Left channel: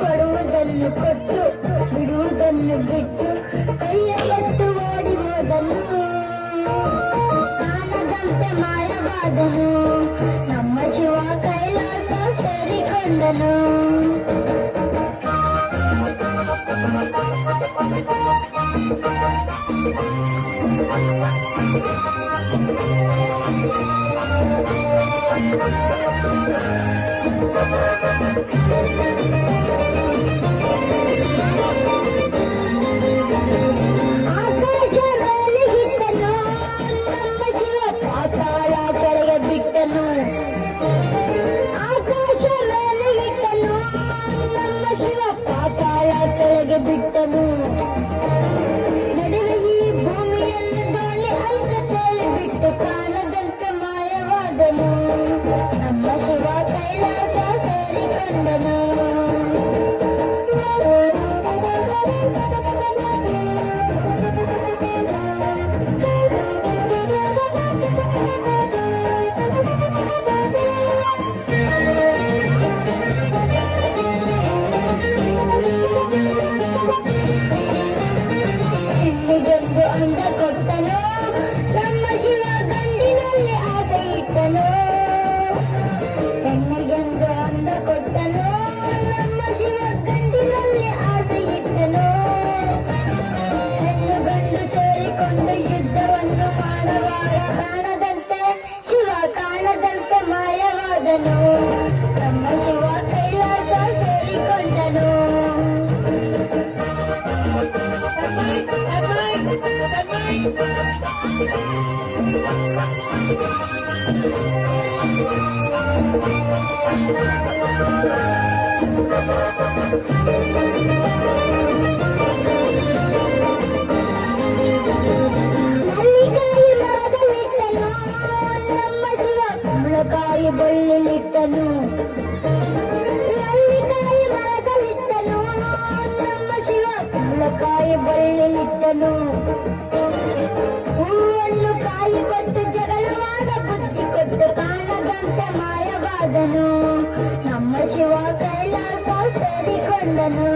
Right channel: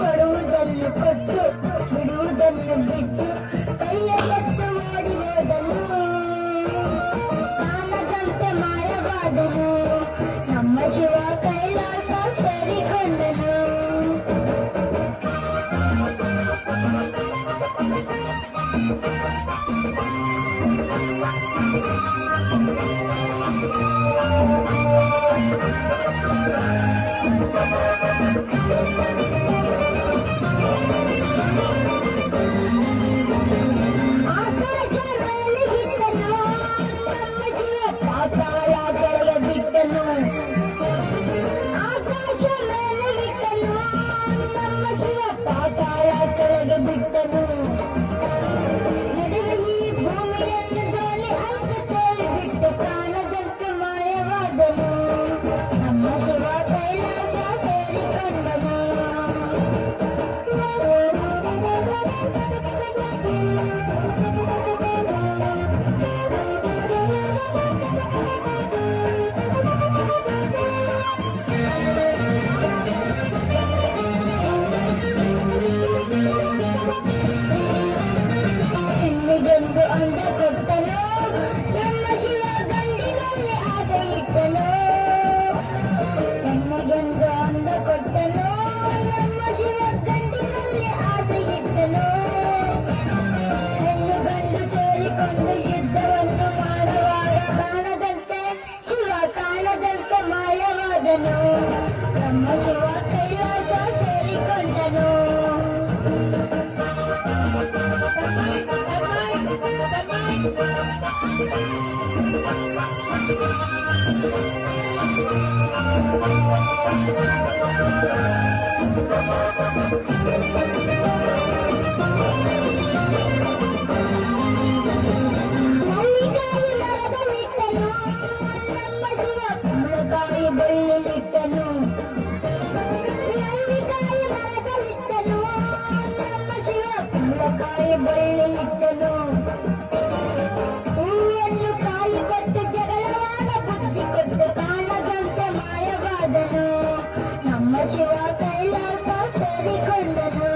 ಕೊಡುವುದನ್ನು ಕೊಟ್ಟು ಬಿಡುವುದನ್ನು ಬಿಟ್ಟು ಕೈಯ ಎತ್ತು ಓಡಿ ಹೋದನು. ಕಾಣದಂತೆ ಮಾಯವಾದನು, ನಮ್ಮ ಶಿವ ಕೈಲಾಸ ಸೇರಿಕೊಂಡನು. ಅಂದ ಕೊಟ್ಟನು, ನಮ್ಮ ಶಿವ ಗಂಡಿನಲ್ಲಿ ಆಸೆ ಇಟ್ಟನು. ನನಗೆಂದು ಅಂದ ಕೊಟ್ಟನು, ನಮ್ಮ ಶಿವ ಗಂಡಿನಲ್ಲಿ ಆಸೆ ಇಟ್ಟನು. ಹೆಣ್ಣು ಗಂಡು ಸೇರಿಕೊಂಡು ಯುದ್ಧವನ್ನು ಮಾಡುವಾಗ ಕಾಣದಂತೆ ಶಿವ ಕಾಣದಂತೆ ಮಾಯವಾದನು. ನಮ್ಮ ಶಿವ ಕೈಲಾಸ ಸೇರಿಕೊಂಡನು. ಕುಂಬಳಕಾಯಿ ಬಳ್ಳಿಲಿಟ್ಟನು, ನಮ್ಮ ಶಿವ ಕುಂಬಳಕಾಯಿ ಬಳ್ಳಿಲಿಟ್ಟನು. ಹೂವನ್ನು ಕಾಯಿ ಕೊಟ್ಟು ಜಗಳವಾದ ಬುದ್ಧಿ ಕೊಟ್ಟು ಕಾಣದಂತೆ ಮಾಯವಾದನು. ನಮ್ಮ ಶಿವ ಕೈಲಾಸ ಸೇರಿಕೊಂಡನು.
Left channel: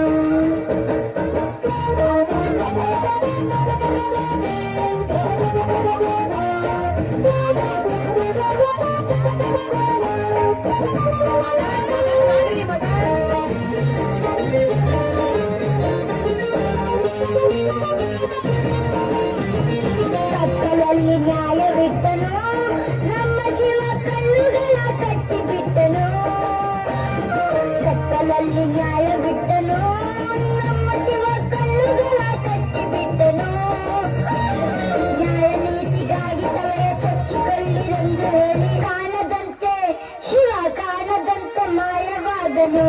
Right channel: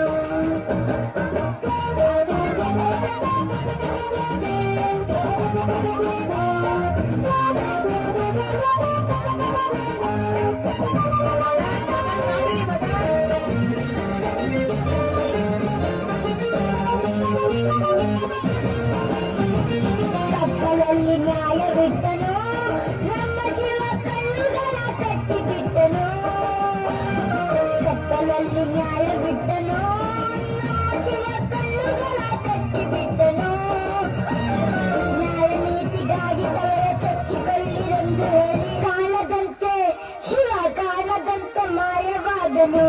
ಕತ್ತಲಲ್ಲಿ ನ್ಯಾಯವಿಟ್ಟನು, ನಮ್ಮ ಶಿವ ಕಲ್ಲುಗಳ ಕಟ್ಟಿಬಿಟ್ಟನು. ಕತ್ತಲಲ್ಲಿ ನ್ಯಾಯವಿಟ್ಟನು, ನಮ್ಮ ಶಿವ ಕಲ್ಲುಗಳ ಕಟ್ಟಿಬಿಟ್ಟನು. ನ್ಯಾಯ ನೀತಿಗಾಗಿ ತಲೆಯ ಚಚ್ಚಿಕೊಳ್ಳಿರೆಂದು ಹೇಳಿ ಕಾಣದಂತೆ ಶಿವ ಕಾಣದಂತೆ ಮಾಯವಾದನು.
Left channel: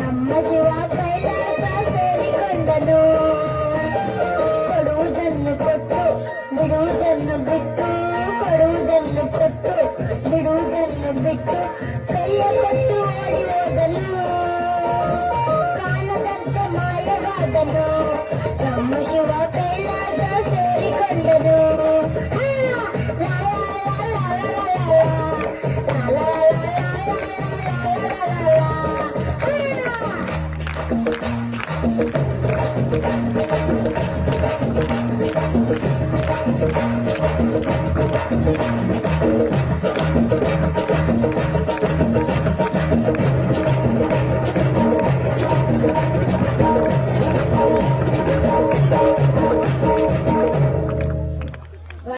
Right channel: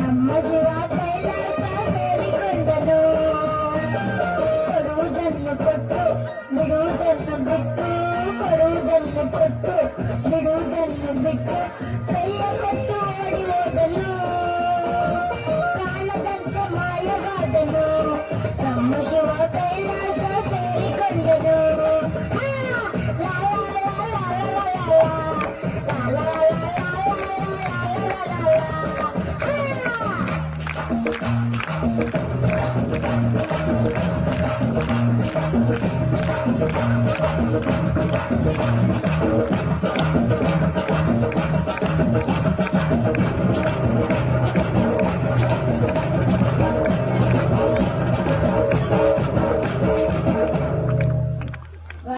ನಮ್ಮ ಶಿವ ಕೈಲಾಸ ಸೇರಿಕೊಂಡನು. ಕೊಡುವುದನ್ನು ಕೊಟ್ಟು ಬಿಡುವುದನ್ನು ಬಿಟ್ಟು, ಕೊಡುವುದನ್ನು ಕೊಟ್ಟು ಬಿಡುವುದನ್ನು ಬಿಟ್ಟು ಕೈಯ ಕೊಟ್ಟು ಓಡಿ ಹೋದನು. ಕಾಣದಂತೆ ಮಾಯವಾದನು. ನಮ್ಮ ಶಿವ ಕೈಲಾಸ ಸೇರಿಕೊಂಡನು. Thank you.